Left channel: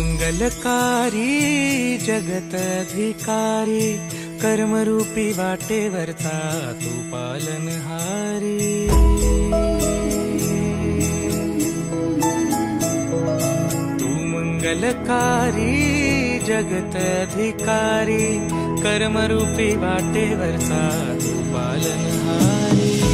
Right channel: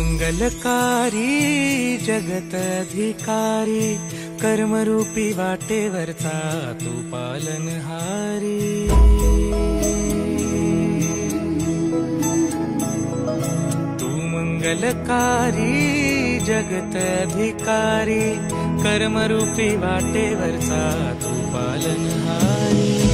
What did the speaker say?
मंगलकारी जगत अधिकारी, कर्मरूपी वाटेवरचा तू पालनहारी। तू मंगलकारी जगत अधिकारी, कर्मरूपी वाटेवरचा तू पालनहारी।